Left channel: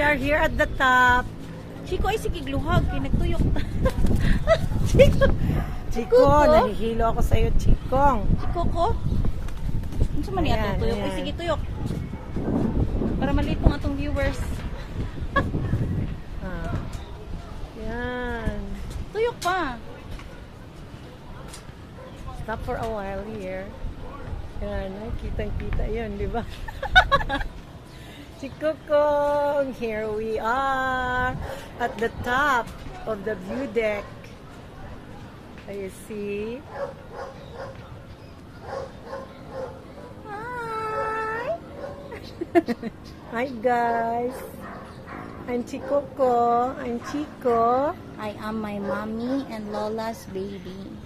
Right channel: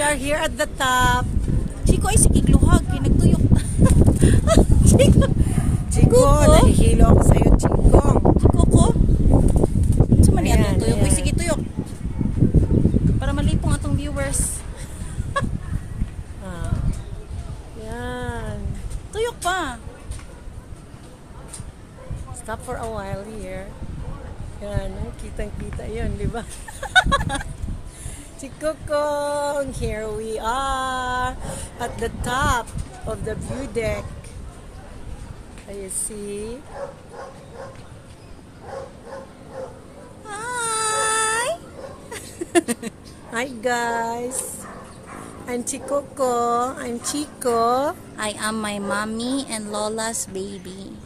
We are here at the top. Chico ay sikigluhag. Nagtuyok na. Chico. Chico, nahihilo ako sa'yo, Chico. Chico ko. Sa mali Ayan, atong tuyok. Uy, ayan. sige tuyok. Para malipong atong viewers. Yan. Tuyok pa. Stop for a while here. Yan, kitang-kita yun, di ba? Chico Kong, here we are at the top of the view deck. Can you see? Hi. Hi guys. I'm Chico Ko. I'm Chico. I am my mommy and Lola's baby.